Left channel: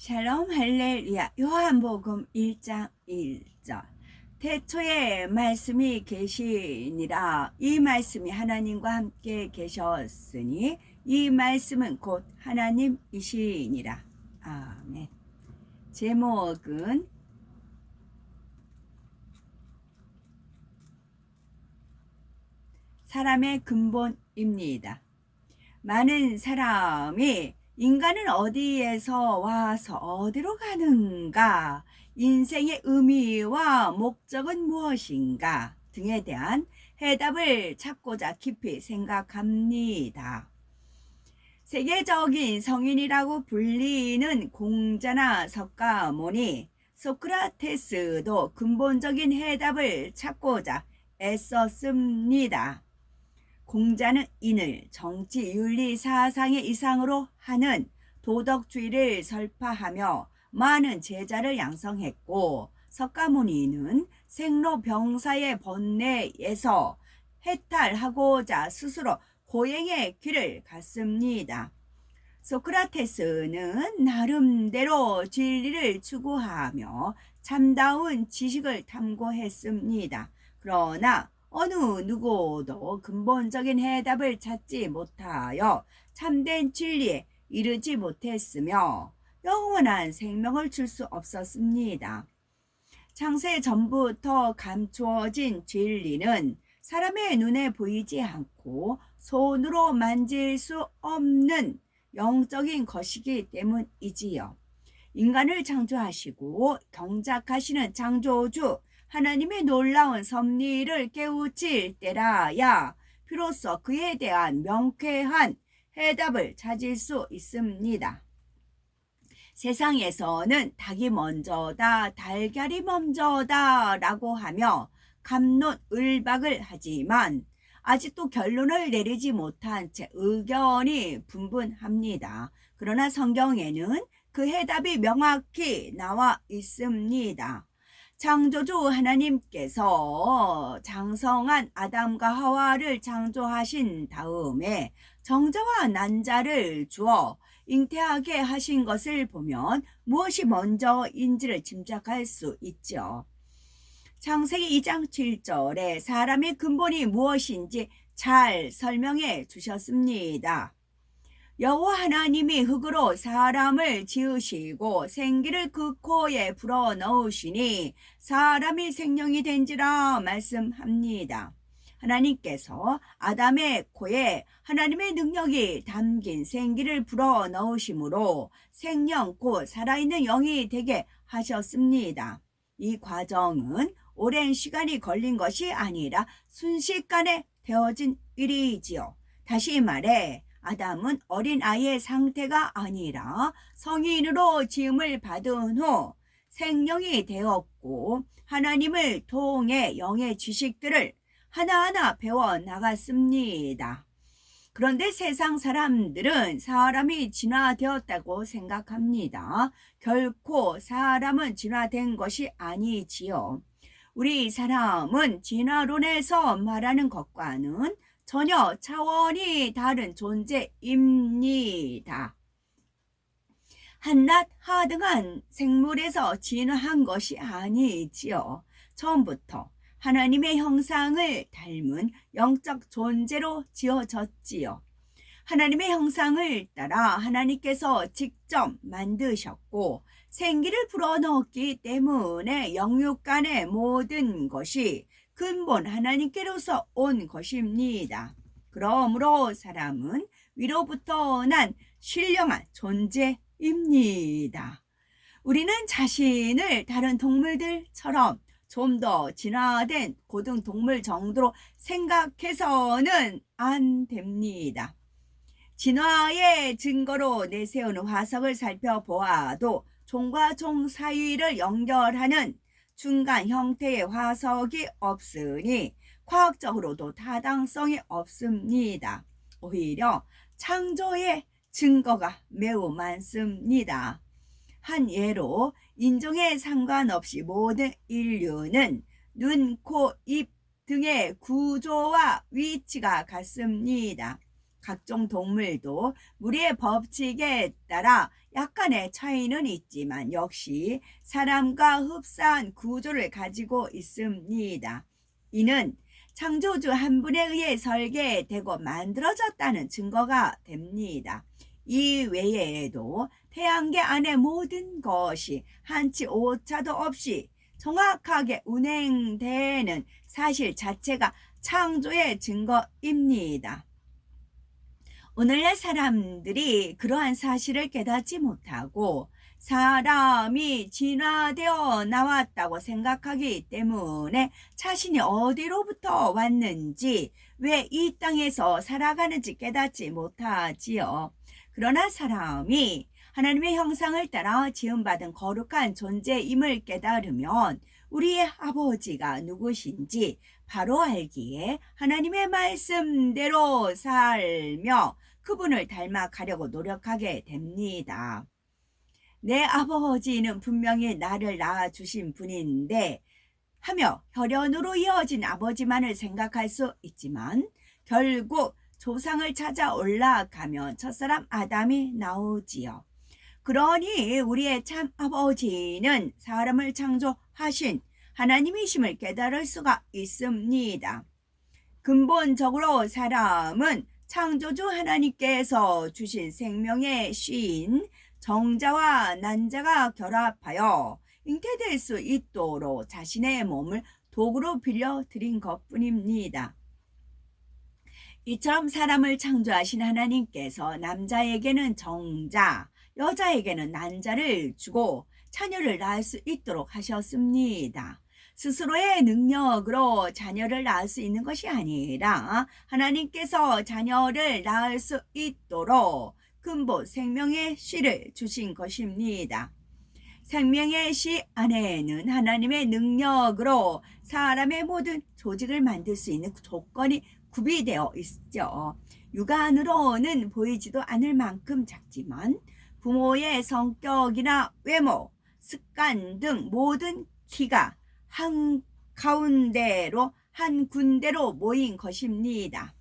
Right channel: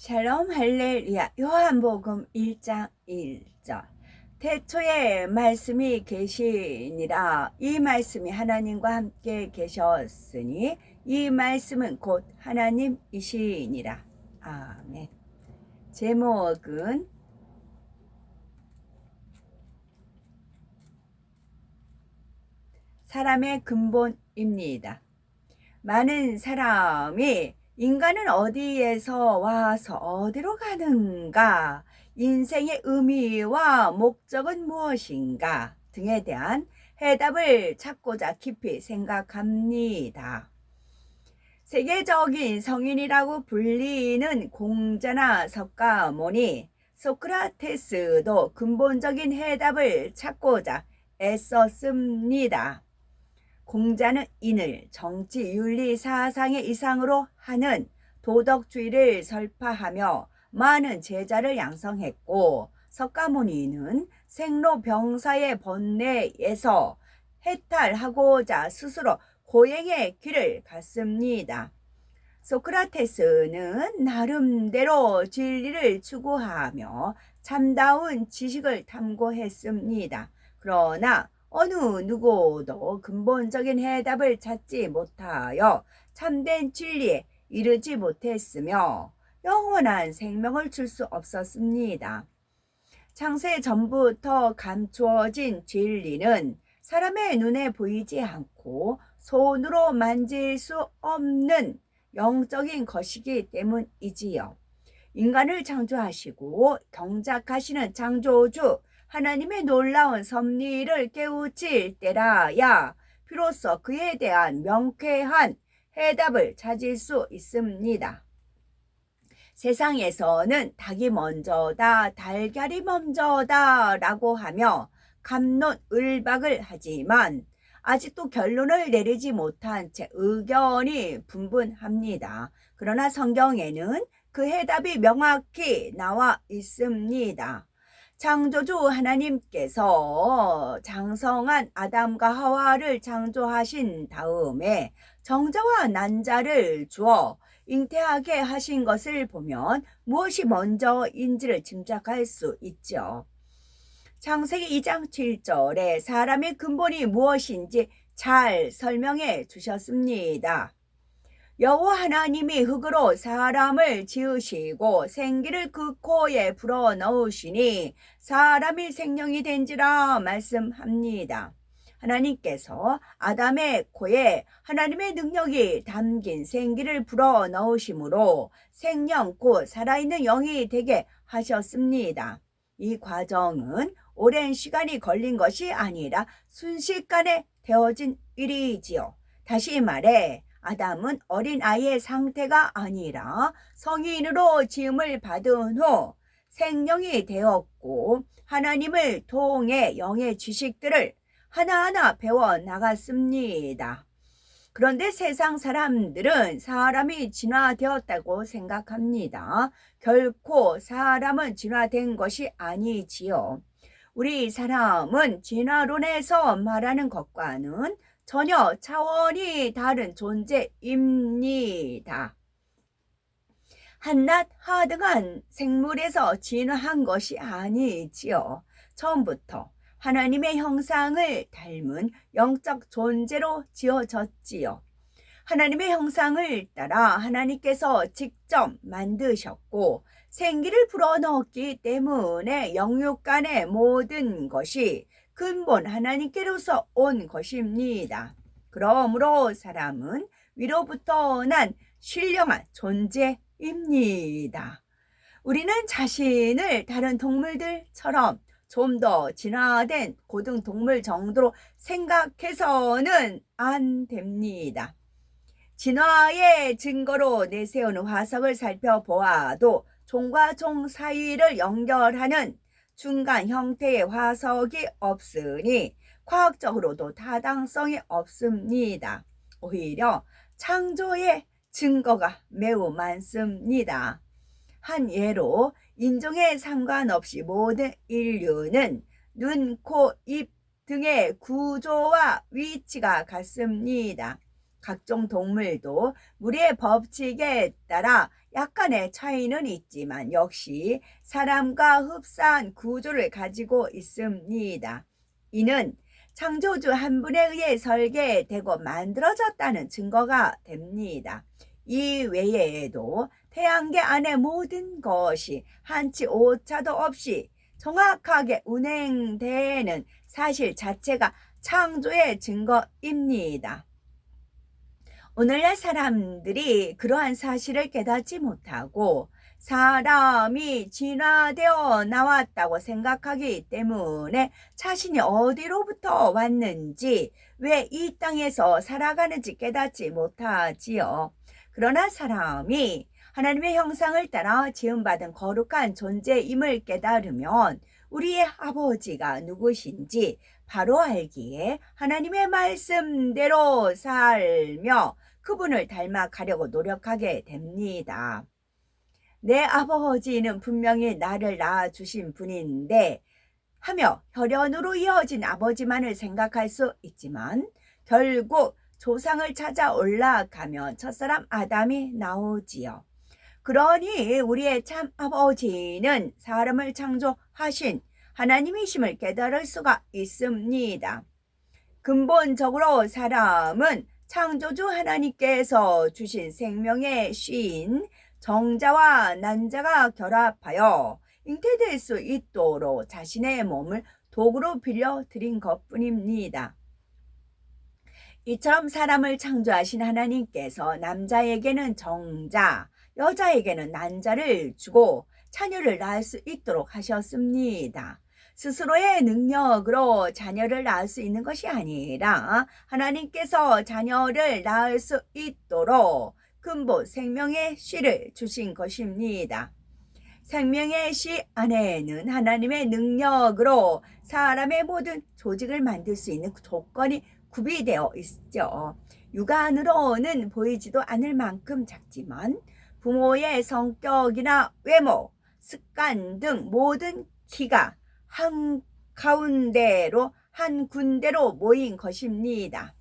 샬롬 할렐루야. 요한복음 1장 1절. 태초에 말씀이 계시니라. 이 말씀이 하나님과 함께 계셨으니 이 말씀은 곧 하나님이시니라. 아멘. 제목은 사람의 근본입니다. 많은 사람이 인간은 어디에서 와서 어디로 가는가, 인생의 의미와 목적은 무엇인가 등에 대한 해답을 찾고자 깊이 생각합니다. 세계적인 성인이라고 불리는 공자나 석가모니, 소크라테스도 근본적인 해답을 찾고자 애썼습니다. 공자는 인을 정치, 윤리, 사상의 이상으로 하는 도덕주의를 설파하며 많은 제자를 양성했고, 석가모니는 생로병사의 번뇌에서 해탈하고자 스스로 고행의 길을 갔습니다. 소크라테스는 나름대로 진리를 추구하며 참다운 지식을 탐구했습니다. 그러나 어느 누구도 근본적인 해답을 찾지 못하여 참된 진리에 이르지 못했으며 영원한 생명을 줄 수 없었습니다. 창세 전부터 감추어진 진리는 사람의 눈에 보이지 않고 손으로 만질 수 없는 영적인 것이기 때문이지요. 인간을 창조하시고 경작하시는 창조주 하나님의 놀라운 섭리를 깨우칠 때라야 비로소 그에 대한 명쾌한 해답을 찾을 수 있습니다. 세상에서는 닭이 먼저다, 달걀이 먼저다 라고 하며 갑론을박을 하지만 아직도 결론을 내리지 못한 채 의견이 분분합니다. 그러나 성경에는 그 해답이 명확히 나와 있습니다. 창조주 하나님께서 장성한 아담과 하와를 창조하신 다음에 정자와 난자를 주어 잉태하게 하신 것을 보면 무엇이 먼저인지를 짐작할 수 있죠. 창세기 2장 7절에 사람의 근본이 무엇인지 잘 설명해 주셨습니다. 여호와 하나님이 흙으로 사람을 지으시고 생기를 그 코에 불어넣으시니 사람이 생명이 된지라 말씀합니다. 하나님께서 아담의 코에 하나님의 능력이 담긴 생기를 불어넣으심으로 생명 곧 살아있는 영이 되게 하셨습니다. 이 과정은 오랜 시간이 걸린 것이 아니라 순식간에 되어진 일이지요. 다시 말해 아담은 어린아이의 상태가 아니라 성인으로 지음을 받은 후 생명이 되었고 하나님을 통해 영의 지식들을 하나하나 배워나갔습니다. 그런데 세상 사람들은 사람이 진화되었다고 생각합니다. 결코 사람은 진화된 것이 아니지요. 우리 사람은 진화론에서 말하는 것과는 전혀 차원이 다른 존재입니다. 한낱 하등한 생물에서 진화한 것이 아니지요. 처음부터 하나님의 형상을 닮은 영적 존재로 지어졌지요. 하나님의 형상을 따라 하나님께서 직접 만드셨고 생기를 불어넣었기 때문에 영육 간의 모든 것이 근본 하나님께로서 온 것입니다. 그러므로 사람은 위로부터 난 신령한 존재입니다. 우리는 자신을 다른 동물들처럼 좀 더 진화된 고등동물 정도로 생각해서는 안 됩니다. 진화의 증거로 내세우는 화석을 살펴보아도 종과 종 사이를 연결하는 중간 형태의 화석이 없으니 과학적으로도 타당성이 없습니다. 오히려 창조의 증거가 매우 많습니다. 한 예로 인종에 상관없이 모든 인류는 눈, 코, 입 등의 구조와 위치가 같습니다. 각종 동물도 무리의 법칙에 따라 약간의 차이는 있지만 역시 사람과 흡사한 구조를 가지고 있습니다. 이는 창조주 한 분에 의해 설계되고 만들어졌다는 증거가 됩니다. 이 외에도 태양계 안의 모든 것이 한치 오차도 없이 정확하게 운행되는 사실 자체가 창조의 증거입니다. 오늘날 사람들이 그러한 사실을 깨닫지 못하고 사람이 진화되어 나왔다고 생각하기 때문에 자신이 어디로부터 왔는지, 왜 이 땅에서 살아가는지 깨닫지 못하지요. 그러나 사람이 하나님의 형상을 따라 지음받은 거룩한 존재임을 깨달으면 우리의 아버지가 누구신지 바로 알기에 하나님의 말씀대로 살며 그분을 닮아가려고 노력하게 됩니다. 내 아버지는 분명히 나를 낳아주신 분인데 하며 혈연으로 이어진 아버지만을 생각할 수 있지만 결국 조상을 찾아 올라가면 첫사람 아담이 나오지요. 그러니 우리의 참 아버지는 사람을 창조하신 하나님이심을 깨달을 수가 있습니다. 근본적으로 사람은 창조주 하나님께서 주신 생명의 신 정자와 난자가 결합하여 잉태될 수 있도록 자신의 몸을 도구로 빌려드린 것뿐입니다. 이처럼 사람을 창조하신 하나님께서 남자에게는 정자, 여자에게는 난자를 주고 자녀를 낳을 수 있도록 하셨습니다. 스스로의 능력으로 자녀를 낳을 수 있는 것이 아니라 하나님께서 자녀를 낳을 수 있도록 근본 생명의 씨를 주신 것입니다. 생명의 씨 안에는 하나님의 능력으로 사람의 모든 조직을 만들 수 있는 조건이 구비되어 있죠. 육안으로는 보이지도 않을 만큼 작지만 부모의 성격이나 외모, 습관 등 모든 기가 한 군데로 모인 것입니다.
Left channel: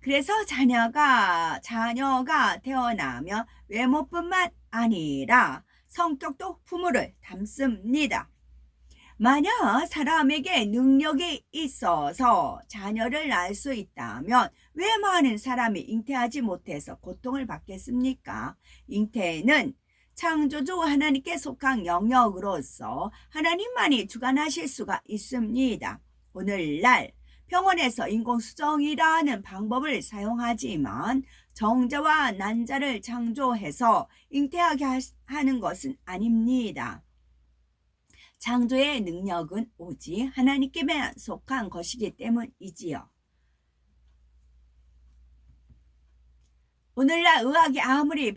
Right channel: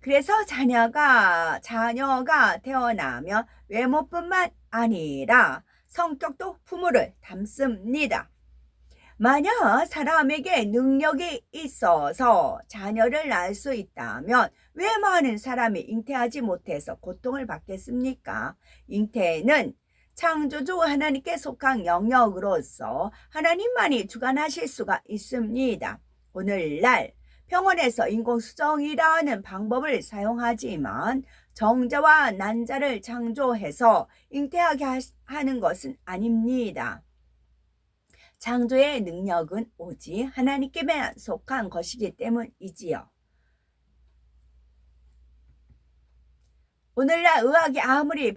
그래서 자녀가 태어나면 외모뿐만 아니라 성격도 부모를 닮습니다. 만약 사람에게 능력이 있어서 자녀를 낳을 수 있다면 왜 많은 사람이 잉태하지 못해서 고통을 받겠습니까? 잉태는 창조주 하나님께 속한 영역으로서 하나님만이 주관하실 수가 있습니다. 오늘날 병원에서 인공수정이라는 방법을 사용하지만 정자와 난자를 창조해서 잉태하게 하는 것은 아닙니다. 창조의 능력은 오직 하나님께만 속한 것이기 때문이지요. 오늘날 의학이 아무리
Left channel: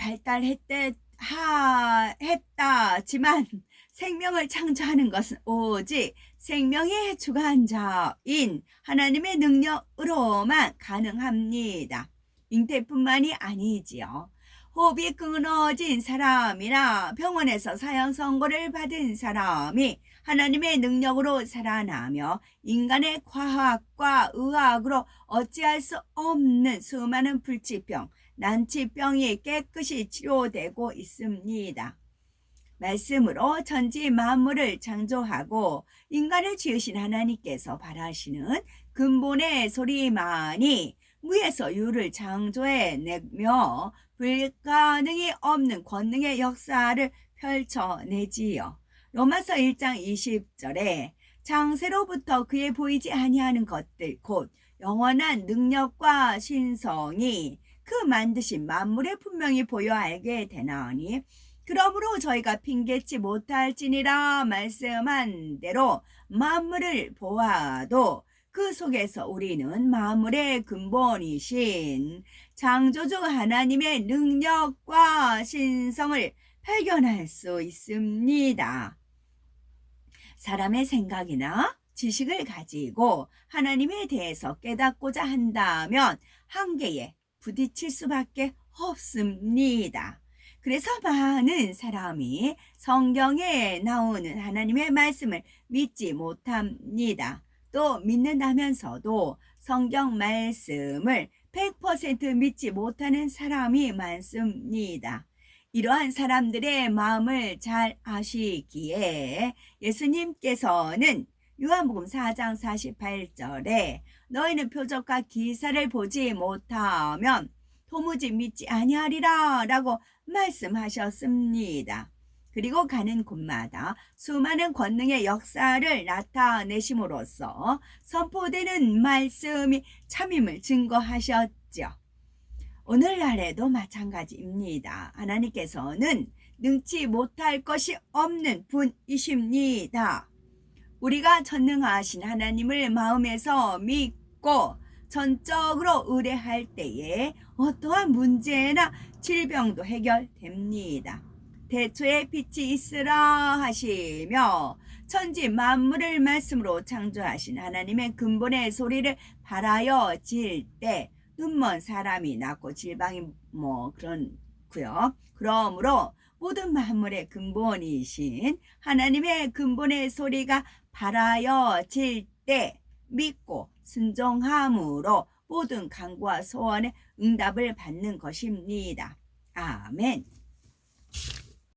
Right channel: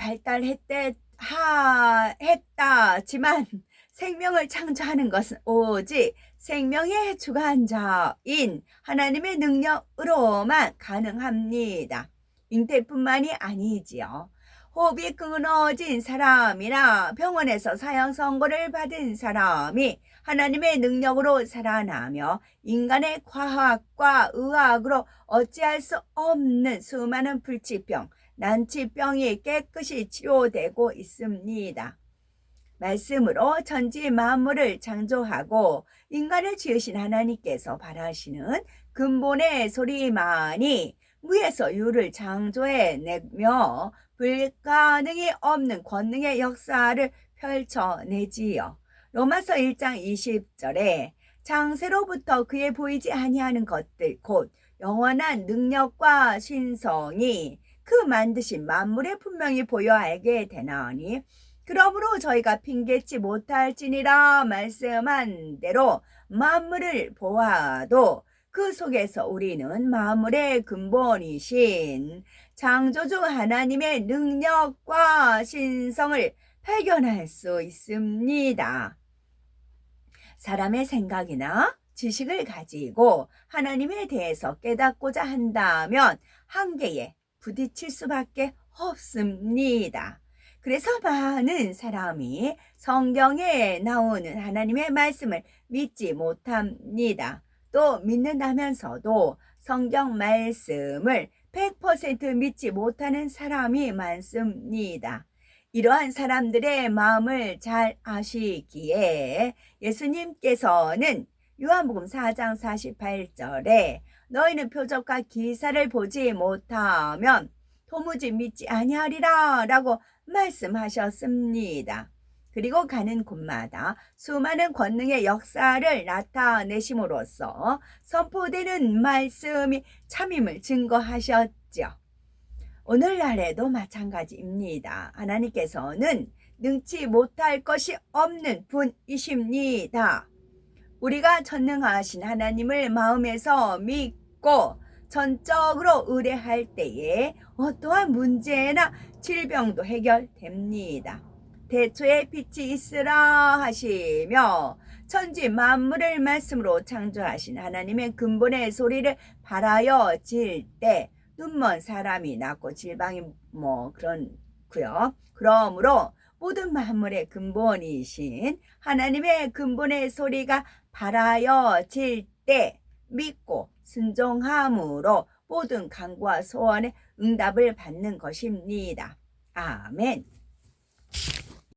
했다지만 생명을 창조하는 것은 오직 생명의 주관자인 하나님의 능력으로만 가능합니다. 잉태뿐만이 아니지요. 호흡이 끊어진 사람이나 병원에서 사형 선고를 받은 사람이 하나님의 능력으로 살아나며 인간의 과학과 의학으로 어찌할 수 없는 수많은 불치병, 난치병이 깨끗이 치료되고 있습니다. 말씀으로 천지 만물을 창조하고 인간을 지으신 하나님께서 바라시는 근본의 소리만이 무에서 유를 창조해내며 불가능이 없는 권능의 역사를 펼쳐내지요. 로마서 1장 20절에 창세로부터 그에 보이지 아니하는 것들 곧 영원한 능력과 신성이 그 만드신 만물에 분명히 보여 알게 되나니 그러므로 저희가 핑계치 못할지니라 말씀한 대로 만물을 보아도 그 속에서 우리는 만물의 근본이신 창조주 하나님의 능력과 신성을 발견할 수 있습니다. 사람의 생각이나 지식을 가지고 하나님에 대해서 깨닫고자 한다면 한계에 부딪힐 수밖에 없습니다. 그래서 많은 사람이 성경에 나오는 하나님의 말씀을 믿지 못합니다. 또 믿는다면서도 성경 말씀을 100% 믿지 못하는 사람이 많습니다. 이러한 사람들의 마음을 잘 아시기에 예수님께서는 요한복음 4장 48절에 너희는 표적과 기사를 보지 못하면 도무지 믿지 아니하리라 라고 말씀하셨습니다. 그리고 가는 곳마다 수많은 권능의 역사를 나타내심으로써 선포되는 말씀이 참임을 증거하셨죠. 오늘날에도 마찬가지입니다. 하나님께서는 능치 못할 것이 없는 분이십니다. 우리가 전능하신 하나님을 마음에서 믿고 전적으로 의뢰할 때에 어떠한 문제나 질병도 해결됩니다. 태초에 빛이 있으라 하시며 천지 만물을 말씀으로 창조하신 하나님의 근본의 소리를 발하여 질 때 눈먼 사람이 낫고 질방이 그렇고요. 그러므로 모든 만물의 근본이신 하나님의 근본의 소리가 발하여 질 때 믿고 순종함으로 모든 간구와 소원의 응답을 받는 것입니다. 아멘.